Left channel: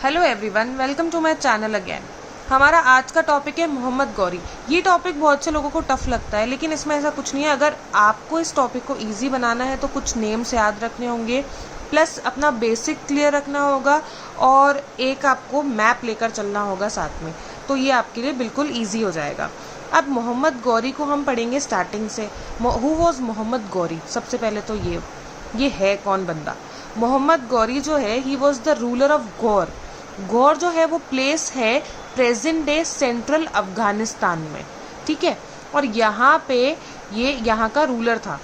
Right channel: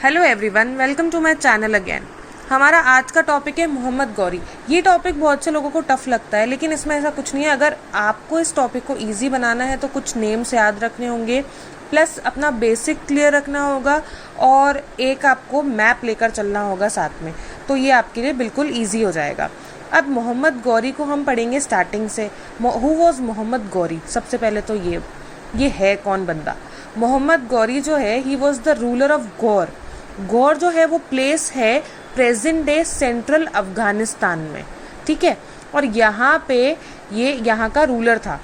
Hello everyone, welcome to my channel again. हमारा आज का टॉपिक है मोहम्मद गौरी। ये टॉपिक बहुत से लोगों को टफ लगता है, लेकिन इसमें ऐसा कुछ नहीं है। अगर आपको इस टॉपिक को इजी बनाना है तो कुछ नेम्स याद रखने होंगे, प्लस अपना बेसिक क्लियर रखना होगा और एक आपको मैप लेकर चलना होगा साथ में, तो ये आपके लिए बिल्कुल ईजी हो जाएगा। अब मोहम्मद गौरी को हम पढ़ेंगे स्टार्टिंग से। Who was Mohammad Ghori? सबसे पहले तो ये है कौन बंदा। मोहम्मद गौरी जो है, he was the ruler of Ghor. Ghor जो है वो प्लेस है प्रेजेंट डे सेंट्रल अफगानिस्तान में, ठीक है। और यहाँ पे ये यहाँ का रूलर था।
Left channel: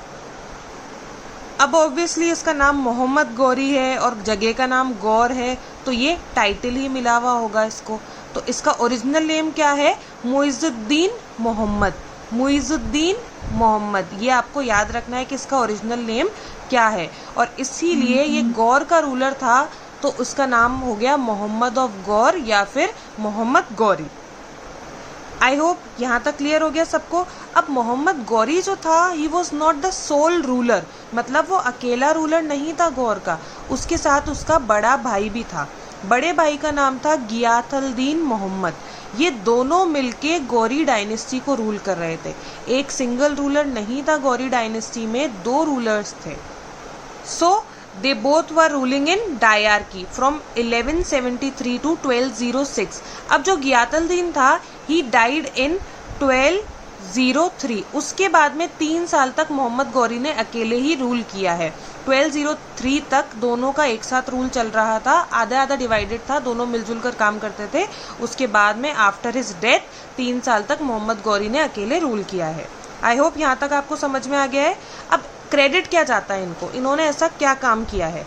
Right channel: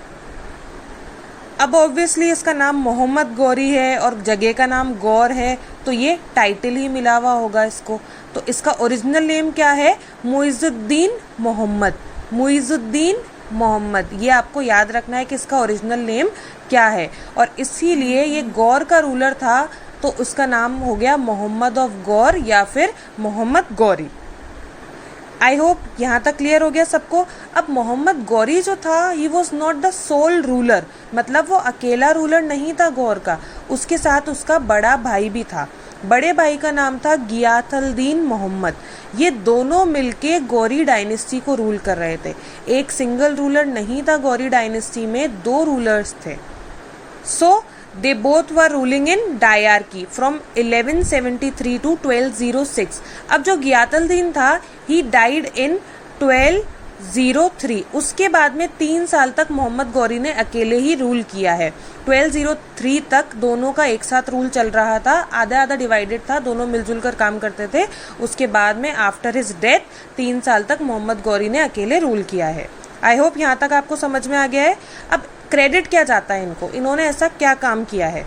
अब ऑब्वियसली इसका नाम मोहम्मद गौरी है और जगह का नाम गौर है, तो ये टाइटल ही मिला हुआ होगा इसको। तो इसका ओरिजिनल नेम क्या है? मुइजुद्दीन मोहम्मद। मुइजुद्दीन मोहम्मद, ये आपको याद रखना है कि इसका ओरिजिनल नेम क्या है। और इसीलिए ये गौर का रूलर था, तो उसका नाम हो गया मोहम्मद ऑफ गौर या फिर मोहम्मद गौरी। आई होप यहाँ तक क्लियर हो गया सबको। अब मोहम्मद गौरी जो था, he was not the sole ruler, मतलब वो अकेला रूलर नहीं था गौर का, उसके साथ उसका बड़ा भाई भी था। बड़े भाई का नाम था गियाथुद्दीन मोहम्मद। ये दोनों मिलके गौरी डायनेस्टी को रूल कर रहे थे। एक सिंगल रूलर नहीं था गौरी डायनेस्टी में, दो रूलर्स थे। सो they both were ruling in dyarchy from 1173 to 1206। अब जो गियाथुद्दीन था, he died in 1203। उसके बाद में 3 साल तक मोहम्मद गौरी ने अकेले ही रूल किया है। 1203 तक दोनों का एक साथ रूल चल रहा था, आधा आधा डिवाइडेड था, दोनों मिलजुल कर काम करते थे। उसके बाद में आफ्टर हिज डेथ 3 साल तक मोहम्मद गौरी ने अकेले रूल किया है। आई होप यहाँ तक आपको समझ में आ गया है। अब क्रेडिट क्या जाता है इनको, इन्होंने ऐसा क्या काम किया है?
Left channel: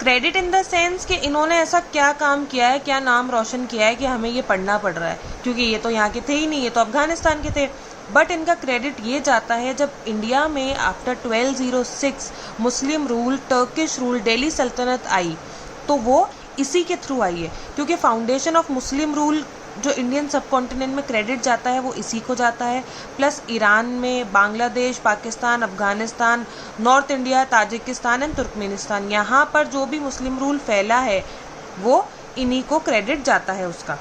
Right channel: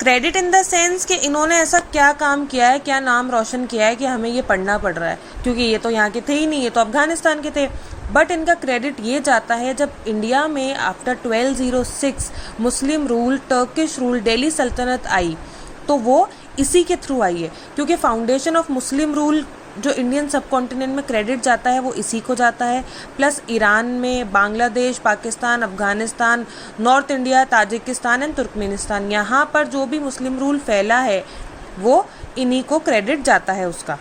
क्रेडिट इन द सेंस कि इन्होंने ऐसा क्या काम किया है, क्या नाम रोशन किया है कि हमें ये पढ़ना पड़ रहा है, क्योंकि ये तो यहाँ के थे ही नहीं, ये तो अफगानिस्तान के थे। बट इनका क्रेडिट ये जाता है, जब इंडिया में आफ्टर 1206 मुस्लिम रूल, टर्किश रूल, दिल्ली सल्तनत आई, तो वो इसी के थ्रू आई है। क्योंकि फाउंडेशन ऑफ मुस्लिम रूल जो इंडियन सब कॉन्टिनेंट में क्रेडिट जाता है वो इसी को जाता है। प्लस ईरान में, Bangladesh, Pakistan, Afghanistan, north India, Tajikistan and Turkmenistan, यहाँ पर जो भी मुस्लिम रूल फैला है वो इन्हीं को क्रेडिट जाता है उसका।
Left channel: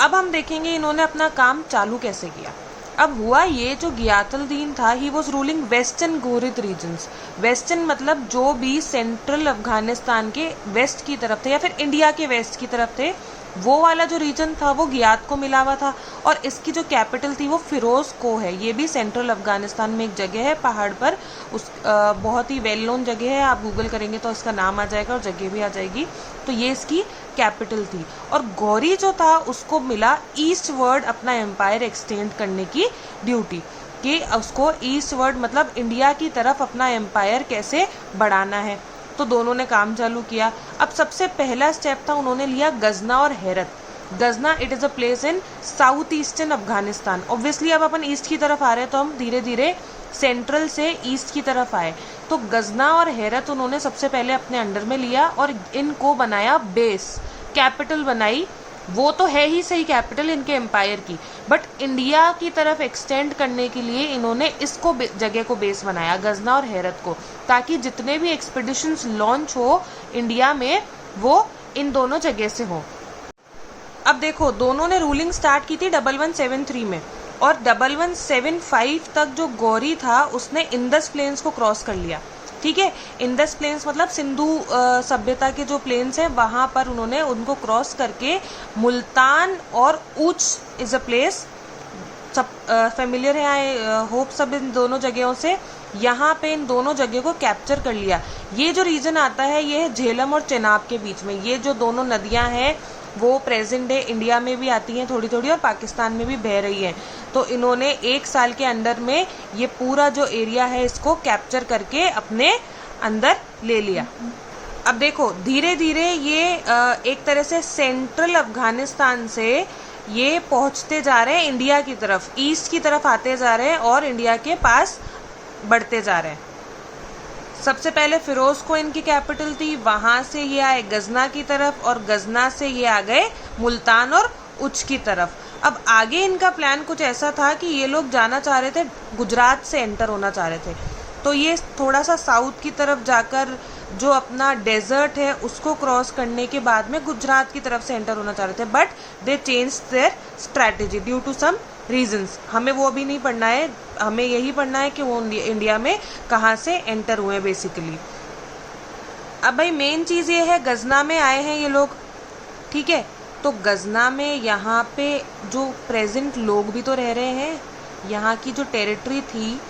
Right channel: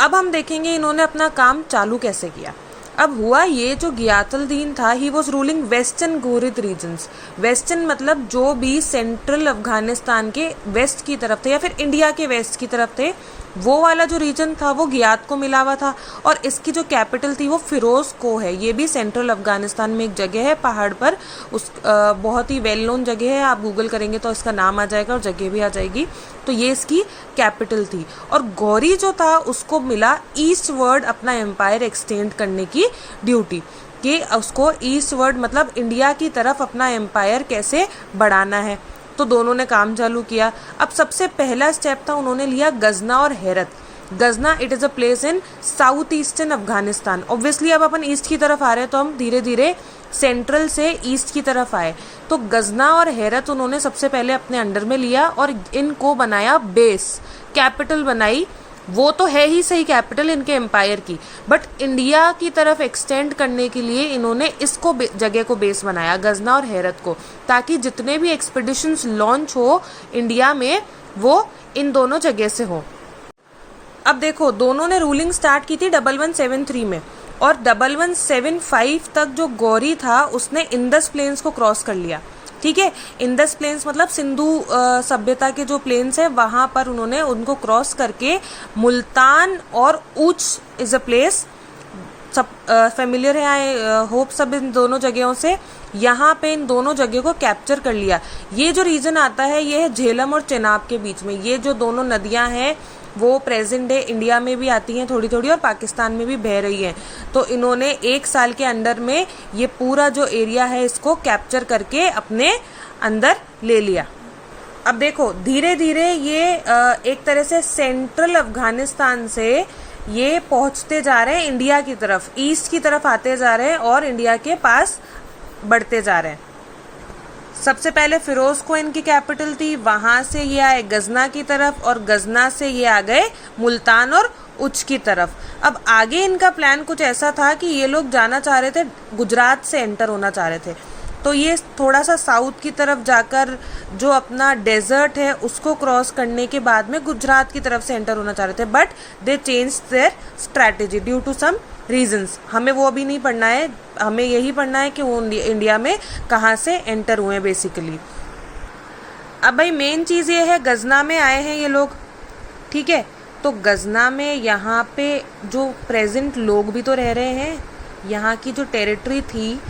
अब हम देखेंगे इन्होंने अपना काम चालू कैसे किया। अब हुआ ये, जो गियाथुद्दीन था, he was ruling western Ghurid regions. Western मतलब जो भी सेंट्रल अफगानिस्तान के वेस्ट की तरफ थे या फिर इंडिया के वेस्ट की तरफ थे, वो वाला जो रीजन था वो गियात को मिला हुआ था। और इसकी जो कैपिटल थी वो फिरोज को है। ये भी सेंट्रल अफगानिस्तान में एक जगह है पहाड़ पर, उस बहुत ही वेल नोन जगह है। आप गूगल करेंगे तो इसका नाम आ जाएगा और जगह भी आ जाएगी। तो ये इसकी कैपिटल थी। और गौरी जो था उसको मिला ईस्ट वर्ड अपना एम्पायर एक्सटेंड करने की ड्यूटी, कि उसको ईस्ट वर्ड मतलब इंडिया की तरफ अपना एम्पायर कैसे बढ़ाना है। तो दोनों ने काम चालू किया। अब सबसे पहला स्टेप था, उन्होंने लिया गजना और Herat. Ghazna, it is a place in south eastern Afghanistan. Obviously अब अपन ईस्ट की तरफ आ रहे हैं, तो हम धीरे धीरे सेंट्रल से ईस्ट की तरफ आए। तो गजना और हेरत उन्होंने सबसे पहले अपने अंडर में लिया और इनको बनाया बेस, कैपिटल बनाई। वो तो है ही सही कैपिटल इनके एम्पायर की, बट इंडिया की तरफ एक्सटेंड करने के लिए इन्होंने इसको जगह को बेस बनाया, गजना और हेरत को, ताकि जितने भी एक्सपीडिशंस लॉन्च हो इंडिया में वो इन दोनों जगह से हो। अब देखो, दोनों ने रूलिंग स्टार्ट की थी 1173 में, और 1175 तक जो गौरी था उसने इंडस प्लेन्स को क्रॉस कर लिया, ठीक है। इंडस प्लेन्स मतलब सिंधु सभ्यता के जो प्लेन्स है वहां पर उन्होंने उनको क्रॉस करके मुल्तान और उच इज अ प्लेस, सब फेमिलियर है आई होप सब इन दोनों जगहों से। यहाँ पे इन दोनों जगह को कैप्चर कर लिया। ये जो रीजन आता है ये है झेलम और चेनाब के बीच में। ये जो दोनों नदियां हैं वो प्रेजेंट डे इंडिया में भी आती हैं थोड़ी थोड़ी, और पाकिस्तान में भी बह रही हैं। तो इन्होंने 1 साल के अंदर में ये पूरा जो एरिया है इसको कैप्चर करके अपने अंदर ले लिया। अब देखो, धीरे धीरे ये एक तरह से सेंट्रल अफगानिस्तान से ये पहुंचते जा रहे हैं इंडिया की तरफ, ईस्ट की तरफ आते जा रहे हैं और इंडिया के पास बढ़ते जा रहे हैं। सबसे पहले फिरोज को इनकी कैपिटल थी, वहां से ये आए गजना की तरफ, और गजना से ये आ गए मुल्तान और उच की तरफ। अब आगे इनका प्लान कुछ ऐसा था कि ये लोग जाना चाह रहे थे, गुजरात से एंटर होना चाह रहे थे। तो ये थोड़ा सा साउथ की तरफ जाकर जो अपना डेजर्ट है उसको क्रॉस करने के बाद में गुजरात की तरफ से एंटर होना चाह रहे थे, but they change their strategy due to some reasons. हमें वो अभी नहीं पढ़ना है, हमें यही पढ़ना है कि वो इंडिया में कहाँ से एंटर हुए बेसिकली। अब भाई मेन चीज़ ये है, गजना में आए हैं ये लोग, ठीक है। तो गजना में यहाँ पे जो प्रेजेंट लोग भी तो रह रहे हैं, यहाँ की जो टेरिटरी थी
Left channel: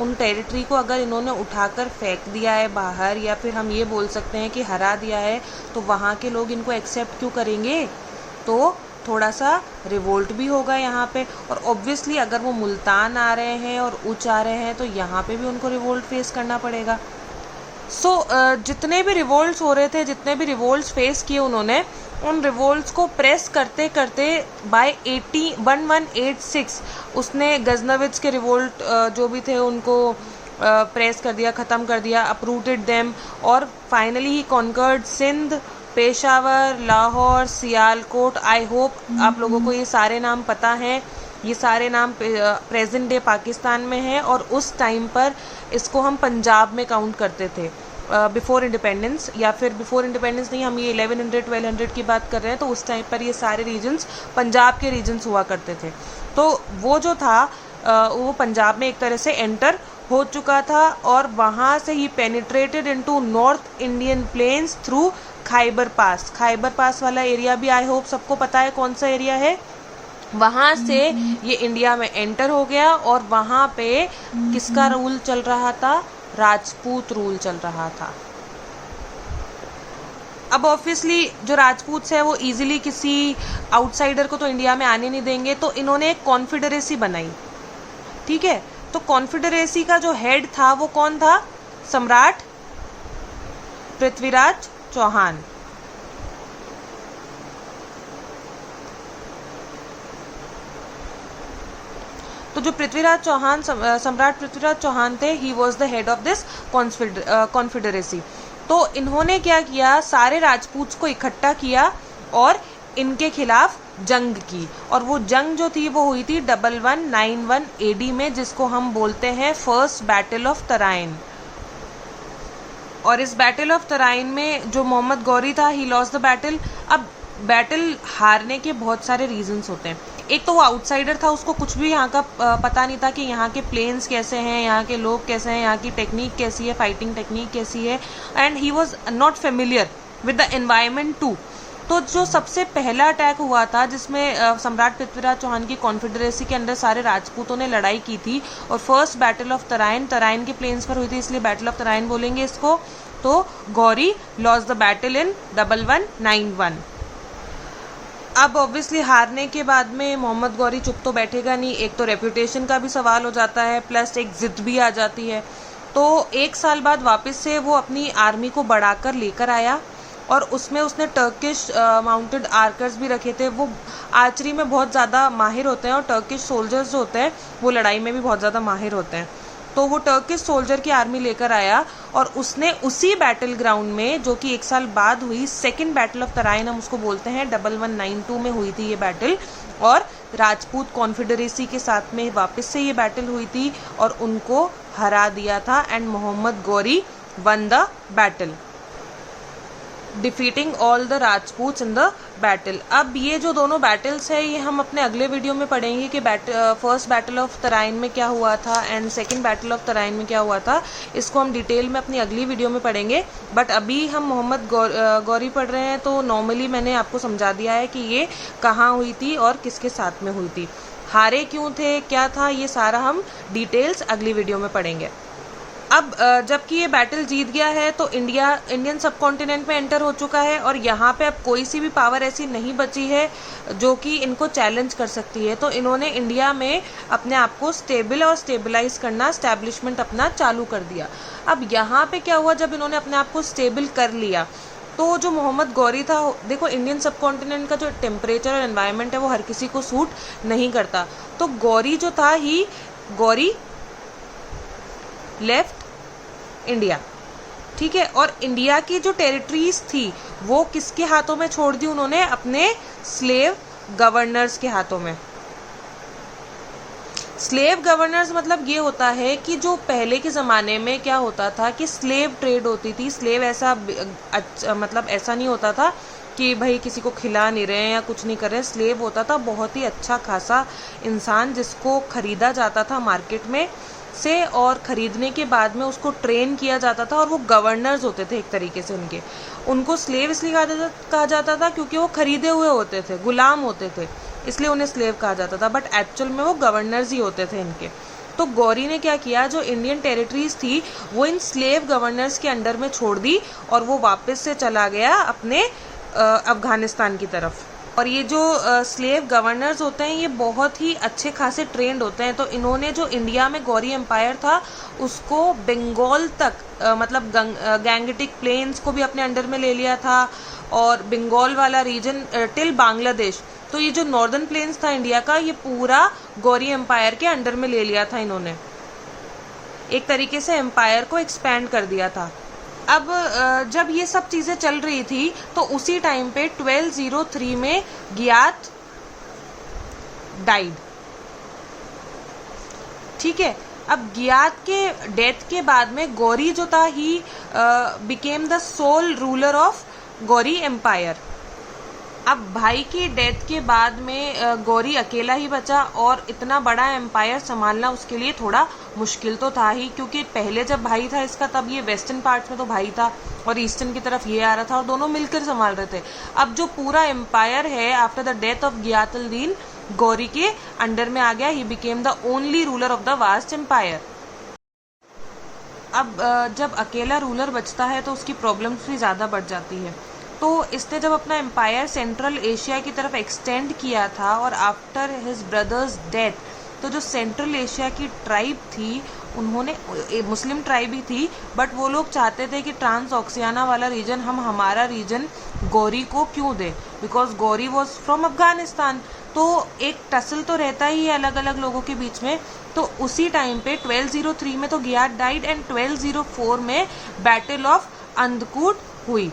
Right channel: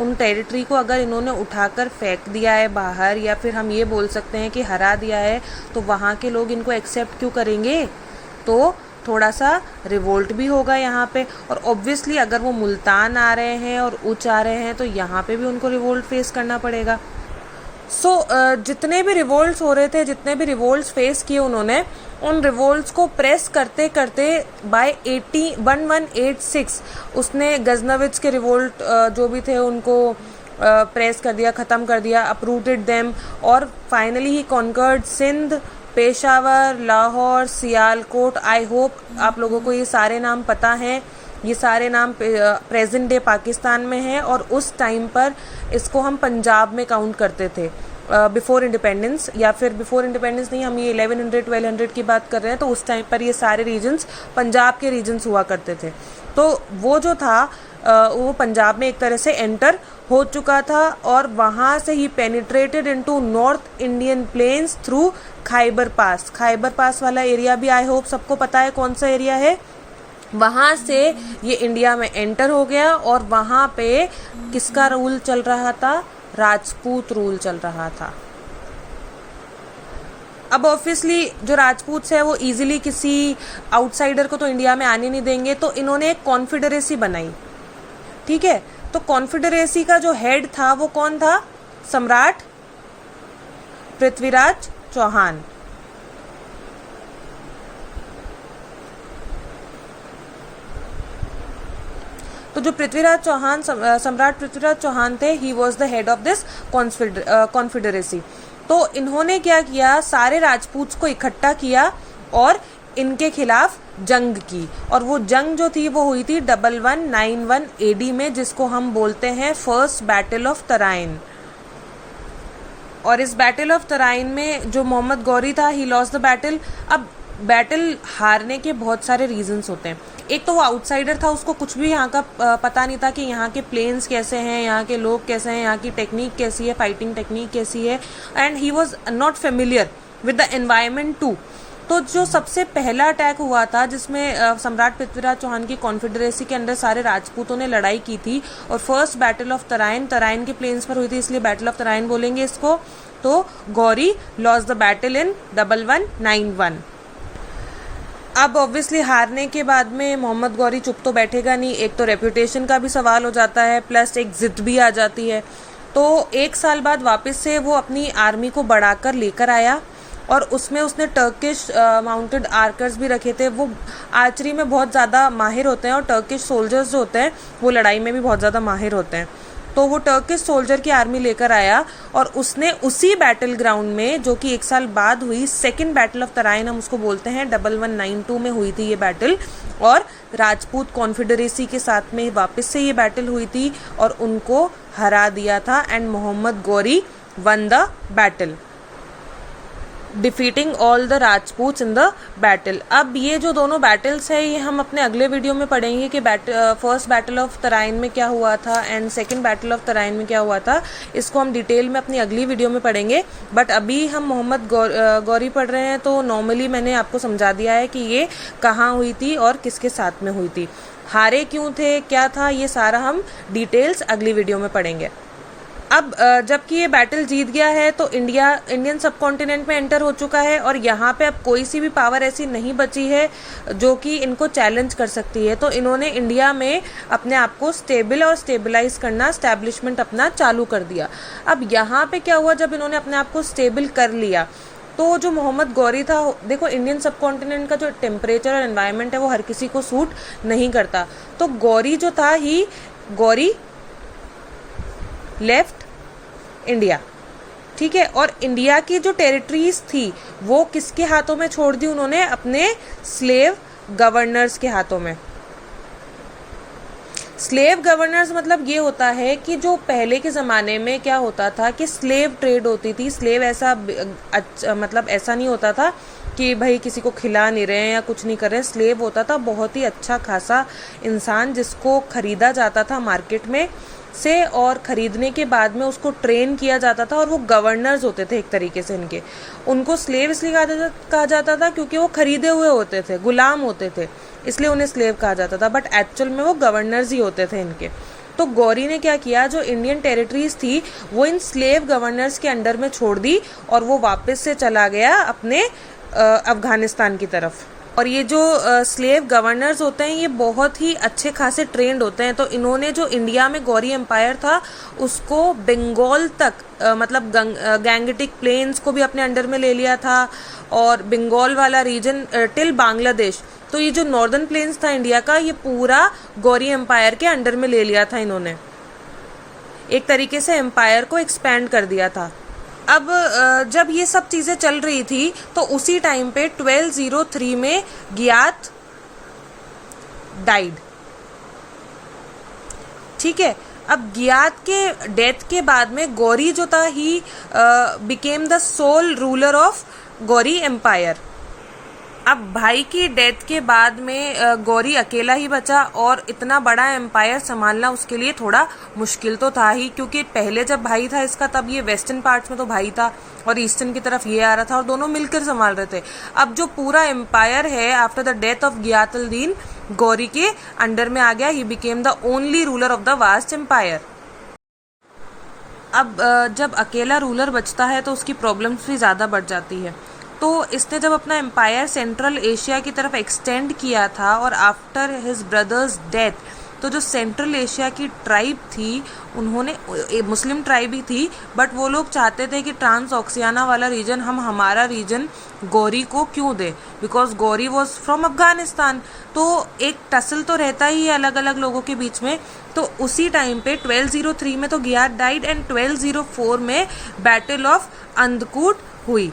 उन टेरिटरी को अगर इन्होंने उठाकर फेंक दिया है बाहर, या फिर हम ये बोल सकते हैं कि हरा दिया है, तो वहाँ के लोग इनको एक्सेप्ट क्यों करेंगे? तो थोड़ा सा रिवोल्ट भी होगा यहाँ पे। और ऑब्वियसली अगर वो मुल्तान आ रहे हैं और उच्च आ रहे हैं तो यहाँ पे भी उनको रिवोल्ट फेस करना पड़ेगा। जितने भी रिवोल्ट्स हो रहे थे, जितने भी रिवोल्ट्स फेस किए उन्होंने, उन रिवोल्ट्स को प्रेस करते करते बाय 1186 उसने गजनविच के रिवोल्ट जो भी थे उनको प्रेस कर दिया, ख़त्म कर दिया, अपरूटेड देम, और finally he conquered Sindh, Peshawar, Lahore, Sialkot. I hope आप लोगों को ये सारे नाम पता हैं। ये सारे नाम प्रेजेंट डे पाकिस्तान में है, और उस टाइम पर इसको हम पंजाब में काउंट करते थे बिफोर इंडिपेंडेंस, या फिर बिफोर इंडिपेंडेंस नहीं, हम ये 1100-1200 की बात कर रहे हैं। तो उस टाइम पर ये सारे रीजन्स पंजाब के रीजन्स हुआ करते थे। तो वो जो था वो पंजाब में एक तरह से एंटर हो चुका था, और वहाँ से ही penetrated into north Indian plains through Khyber pass. Khyber pass वाला एरिया भी आई होप सबको पता है कौन सा एरिया है। वहां से ये इंडिया में एंटर हो गया, और वहां पे किसका रूल चल रहा था? राजपूत रूल चल रहा था। अब ऑब्वियसली जो राजपूत है वो इजीली किसी आउटसाइडर को तो इंडिया में आने नहीं देंगे, तो इन्होंने एक कॉन्फेडरेसी बनाई, ठीक है। तो कॉन्फेडरेसी का जो हेड था वो कौन था? सम्राट पृथ्वीराज चौहान। तो जो पृथ्वीराज चौहान, सम्राट पृथ्वीराज चौहान थे, ही was the head of this confederacy. तो इन्होंने क्या किया? सारे राजपूत को इकट्ठा किया और इनके खिलाफ जंग की, और वो जंग जो थी वो हुई थी 1191 AD में, जिसको हम बोलते हैं फर्स्ट बैटल ऑफ तराइन। और इस बैटल ऑफ तराइन में जो मोहम्मद गौरी था, ही लॉस्ट द बैटल। अब बैटल हारने के बहुत सारे रीजंस होते हैं। एक तो वो आउटसाइडर था, उसको कुछ भी यहाँ का पता नहीं था कि यहाँ के प्लेन्स कैसे हैं, यहाँ के लोग कैसे हैं, यहाँ की टेक्निक कैसी है, फाइटिंग टेक्निक कैसी है, and he was not familiar with the environment too. तो जो सबसे पहला अटैक हुआ था, जिसमें सम्राट पृथ्वीराज चौहान की कॉन्फेडरेसी के अंदर सारे राजपूतों ने लड़ाई की थी, और first battle of Tarain, Tarain के प्लेन्स पर हुई थी, इसलिए बैटल ऑफ तराइन बोलेंगे इसको। तो Gauri lost the battle in 1191। अब ऑब्वियसली हारने के बाद में मोहम्मद गौरी चुप तो बैठेगा नहीं। एक तो रेपुटेशन का भी सवाल हो जाता है, प्लस एक जिद भी आ जाती है। तो 1 साल बाद वापस से वो अपनी आर्मी को बढ़ाकर लेकर आया, और उसमें उसने टर्किश माउंटेड आर्कर्स भी रखे थे। वो आर्चरी में बहुत ज़्यादा माहिर होते हैं, और टर्किश सोल्जर्स जो होते हैं वो लड़ाई में भी बहुत ज़्यादा माहिर होते हैं। तो वो टर्किश सोल्जर की आर्मी लेकर आया, और उसने उसी बैटल ग्राउंड में, जो कि 1 साल बाद हुई, सेकंड बैटल ऑफ तराइन हम उसको बोलते हैं, 1192 में हुई थी ये बैटल, और राजपूत कॉन्फेडरेसी के साथ में वापस से ये बैटल हुई थी, और उनको हरा दिया था, and Muhammad Ghori won the battle, defeating all the Rajputs in the battle. अब ये जो दोनों बैटल्स है ये हम अपने अगले वीडियो में पढ़ेंगे कि फर्स्ट बैटल ऑफ तराइन में क्या हुआ था and second battle of Tarain में क्या हुआ था। इसको हम डिटेल में अपनी अगली वीडियो में पढ़ेंगे, बट अभी हम मोहम्मद गौरी पढ़ रहे हैं, तो नॉर्मली मैंने आपको समझा दिया है कि ये कहाँ हुई थी और किसके साथ में हुई थी, हारे क्यों थे, क्या था, ये सारा हम डिटेल्स अगली वीडियो में पढ़ेंगे। अब जबकि ये बैटल जीत गया है तो इंडियन सब कॉन्टिनेंट में एंटर हो चुका है, और यहाँ पे अब कोई सी भी पावर ऐसी नहीं बची है जो कि इनको चैलेंज कर सकती है। तो इन्होंने इंडिया में अपने आप को स्टेबल और स्टेबलाइज करना, स्टैब्लिशमेंट अपना चालू कर दिया। अब यहाँ पे क्या हुआ, जब इन्होंने अपने आप को स्टेबल कर लिया, तो जो मोहम्मद गौरी था, देखो इंडियन सब कॉन्टिनेंट का जो टेम्परेचर और एनवायरनमेंट है वो हर किसी को सूट नहीं करता। तो गौरी जो था गौरी लेफ्ट इंडिया, ठीक है, और इंडिया की जो टेरिटरीज थी वो किसके हाथों में छोड़ दी उन्होंने, अपने स्लेव गवर्नर्स के हाथों में। स्लेव गवर्नर्स मतलब ये होता है कि जो पहले के ज़माने में क्या होता था कि स्लेव ट्रेड होती थी। स्लेव ऐसा मतलब ऐसा नहीं होता था कि भाई किसी को खिला नहीं रहे हैं या कुछ नहीं कर रहे हैं। स्लेव होता था बहुत ही अच्छा खासा इंसान जिसको खरीदा जाता था मार्केट में से, और खरीदने के बाद में उसको ट्रेन किया जाता था, और वो गवर्नर्स होते थे एक तरीके से इनके। उनको स्लेव इसलिए कहा जाता था क्योंकि वो खरीदे हुए होते थे, गुलाम होते थे, इसलिए उन्हें स्लेव कहा जाता था, बट एक्चुअल में वो गवर्नर्स ही होते थे इनके। तो गौरी ने क्या किया, जो इंडियन टेरिटरीज थी वो इन स्लेव गवर्नर्स के अंडर में छोड़ दी और वो वापस से चला गया अपने अफगानिस्तान की तरफ। और ये जो स्लेव गवर्नर्स होते हैं ये बहुत ही अच्छे खासे ट्रेंड होते हैं। तो इन्होंने जो इंडिया में गौरी एम्पायर था उसको बंगाल तक मतलब गैंगटिक प्लेन्स को भी अपने अंडर में ले लिया था, और बंगाल वाला रीजन टिल बांग्लादेश। तो ये जो नॉर्दर्न प्लेन्स था इंडिया का ये पूरा गौरी एम्पायर के अंडर में ले लिया था इन्होंने। एक तरीके से एम्पायर को एक्सपैंड कर दिया था। अब जब ये सब चीजें चल रही थी तो उसी टाइम पे 1203 में गियात डाइड। ठीक है, अब गियात के डेथ के बाद में गौरी जो था he became the sole ruler of Ghori empire. अब भाई की डेथ के बाद में गौरी अकेला ही बचा, और इतना बड़ा एम्पायर संभालना उसके लिए थोड़ा मुश्किल तो था ही, क्योंकि पहले जब भाई था इसका तब ये वेस्टर्न पार्ट्स में तो भाई था और ईस्टर्न की तरफ ये आ रहा था, और दोनों मिलकर संभाल रहे थे। अब जो पूरा एम्पायर है after the death of Ghiyasuddin Ghori के अंडर में आ गया। He became the only ruler of the vast empire. अब जब अकेला रूलर बचता है तो उसकी प्रॉब्लम्स भी ज़्यादा बढ़ जाती है। तो इसने जब अपना एम्पायर सेंट्रल एशिया की तरफ एक्सटेंड किया था, और आफ्टर हिज ब्रदर्स डेथ तो जो सेंट्रल एशिया की ट्राइब थी उन्होंने, मुस्लिम ट्राइब ही थी, बट वो लोग चाहते थे कि ट्रांस ऑक्सियाना वाला रीजन हम हमारा रीजन गौरी को क्यों दे, because Ghori was from Afghanistan. तो एक टसल तो रहता ही है अलग अलग लोगों के बीच में। तो उसी टाइम पे 1203 में तो गियात डाइड, एंड 1204 में बैटल ऑफ अंधकूट हुई।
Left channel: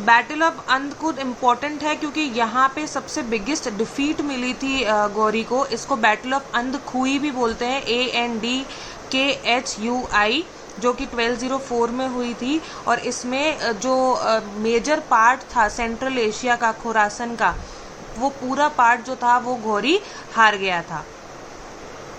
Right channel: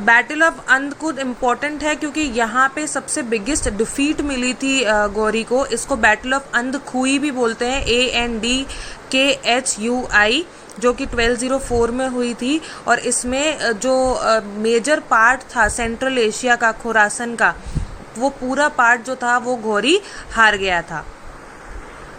बैटल ऑफ अंधकूट इम्पोर्टेंट है क्योंकि यहाँ पे सबसे बिगेस्ट डिफीट मिली थी गौरी को। इसको बैटल ऑफ अंधखुई भी बोलते हैं, ANDKHUI, जो कि 1204 में हुई थी। और इसमें जो मेजर पार्ट था सेंट्रल एशिया का, खुरासन का, वो पूरा पार्ट जो था वो गौरी हार गया था।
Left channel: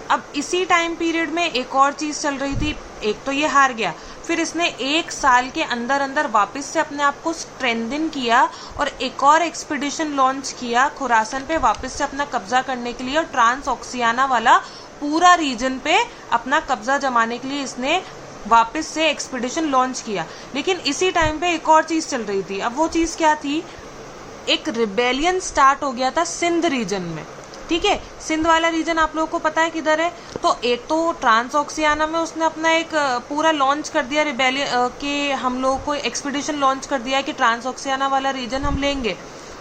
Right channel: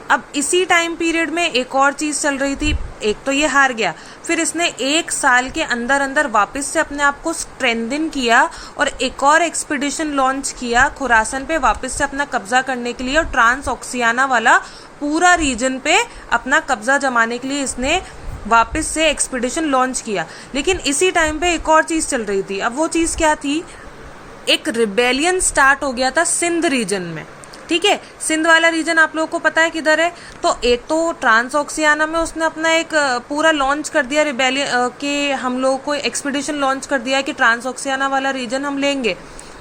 अब इसी टाइम पीरियड में एक और चीज चल रही थी। एक तो ये हार गया, फिर इसने एक साल के अंदर अंदर वापस से अपने आप को स्ट्रेंथन किया और एक और एक्सपीडिशन लॉन्च किया खुरासन पे वापस से अपना कब्जा करने के लिए, और ट्रांस ऑक्सियाना वाला पूरा रीजन पे अपना कब्जा जमाने के लिए इसने वापस से एक्सपीडिशन लॉन्च किया। लेकिन इसी टाइम पे एक और चीज चल रही थी। अब वो चीज क्या थी, एक रिबेलियन स्टार्ट हो गया था सिंध रीजन में। ठीक है, सिंध वाला रीजन आप लोगों को पता है किधर है। तो एक तो ट्रांस ऑक्सियाना में उसने अपना एक पूरा लॉन्च कर दिया रिबेलियन के, हम लोगों को एक्सपीडिशन लॉन्च कर दिया कि ट्रांस ऑक्सियाना वाला रीजन हम लेंगे।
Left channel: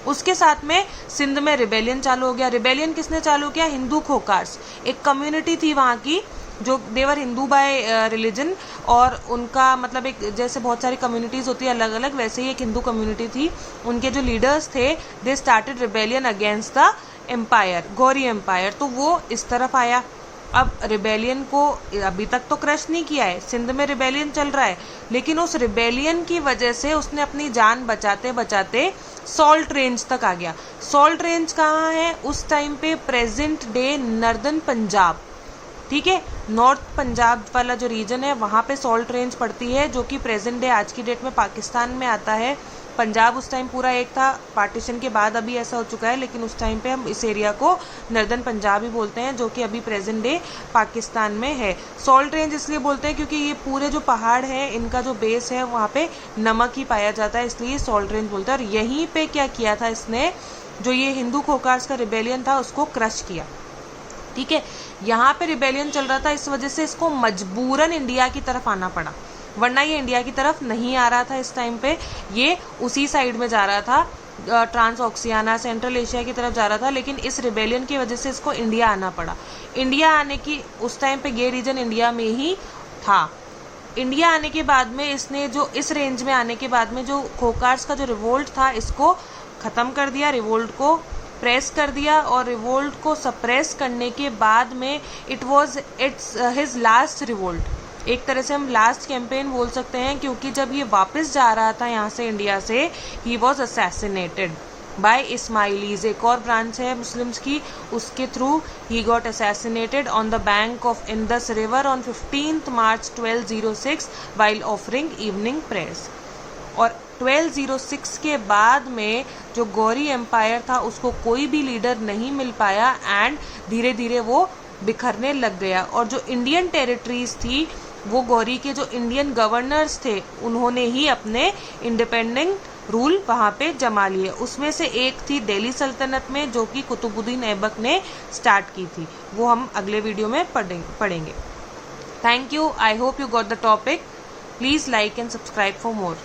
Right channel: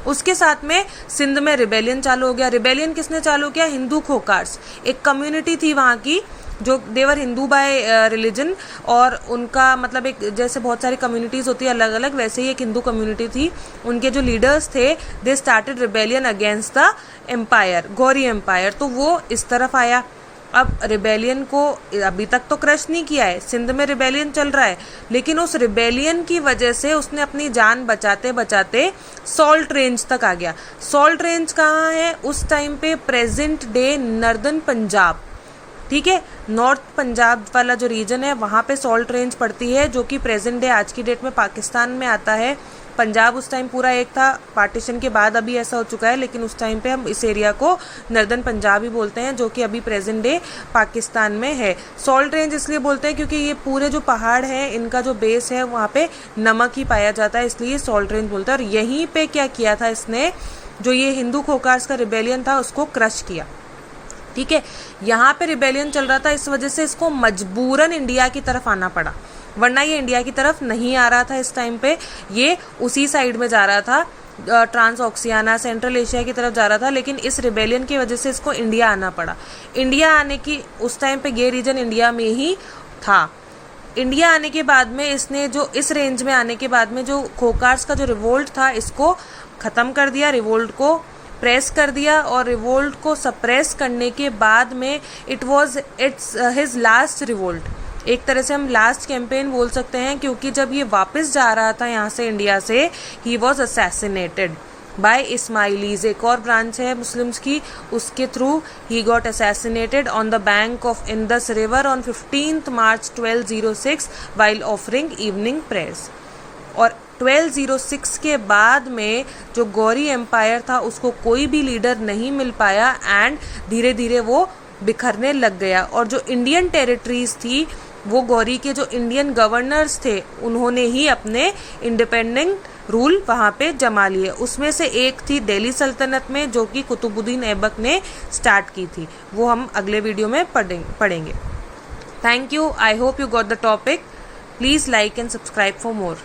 उसके साथ में सिंध में रिबेलियन चालू हो गया। रिबेलियन किसने चालू किया, हिंदू खोकार्स, एक कम्युनिटी थी वहां की जो देवर हिंदू बाय रिलीजन, और उनका मतलब एक जैसे बहुत सारी कम्युनिटीज होती है अलग अलग, वैसे ही एक हिंदू कम्युनिटी थी। उनके जो लीडर्स थे they started rebellion against the empire, Ghori empire. तो वो इस तरफ आया। अब रिबेलियन को अभी तक तो क्रश नहीं किया है, सिंध में रिबेलियन चल रहा है, लेकिन उस रिबेलियन की वजह से उसने अपनी जान बचाते बचाते सॉल्ट रेंज तक आ गया। सॉल्ट रेंज कहाँ है उस टाइम पे, प्रेजेंट डे नॉर्दर्न पंजाब। ठीक है, नॉर्थ पंजाब वाला जो रीजन है वहां पे सॉल्ट रेंज पड़ती है, जो कि प्रेजेंट डे आज की डेट में पाकिस्तान में आता है। पंजाब उस टाइम पूरा एक था, पार्टीशन के बाद अभी ऐसा हो चुका है, लेकिन उस टाइम पे हम इस एरिया को नॉर्दर्न पंजाब ही बोलते हैं, जो कि अभी प्रेजेंट डे पाकिस्तान में है। सॉल्ट रेंज इसलिए बोलते हैं क्योंकि ये पूरे जो पहाड़ हैं इनका जो बेस है वहाँ पे नमक ही पाया जाता है, इसलिए सॉल्ट रेंज बोलते हैं। और यहीं पे क्या किया था इसने, जो ये हिंदू खोकार्स का रिबेलियन था उसको क्रश किया। ठीक है, यहाँ पे रिबेलियन चल रहा था, इस वजह से इसको मजबूरन इंडिया की तरफ आना पड़ा, वरना ये इंडिया की तरफ नहीं आ रहा था। इस टाइम पे ये उसी साइड में जा रहा था, ट्रांस ऑक्सियाना सेंट्रल एशिया की तरफ जा रहा था, लेकिन इस रिबेलियन की वजह से इसको इंडिया आना पड़ा। इंडिया आने की उस टाइम पे ये रीजन इंडिया में ही था। इंडिया आने के बाद में इसने जो इस रेंज में आने के बाद में जो खोकार्स का जो रिवोल्ट था इसको खत्म कर दिया, रिवोल्ट को, प्रेस कर दिया और रिवोल्ट को सप्रेस करने के बाद में it was his last revolt, एक तरह से हम लास्ट कैंपेन बोल सकते हैं, क्योंकि जब ये वापस जा रहा था यहाँ से इंडिया से, he was assassinated bye Ismailis, एक और ब्रांच है मुस्लिम्स की, उसके through he got assassinated on the bank of Indus river on 15 March 1206 while offering evening prayers. और 1206 के बाद में जो गौरी एम्पायर था उसको कोई भी लीडर नहीं मिल पाया एंड धीरे धीरे वो बिखरने लग गया। और जो इंडियन टेरिटरीज थी वो गौरी के जो इंडियन गवर्नर्स थे उन्होंने ही अपने इंडिपेंडेंट रूल वहाँ पे जमा लिए। उसमें से एक थी दिल्ली सल्तनत में जो कि कुतुबुद्दीन ऐबक ने स्टार्ट की थी, वो हम अगले वीडियो में पढ़ेंगे। Thank you, I hope you got the topic. Please like and subscribe for more.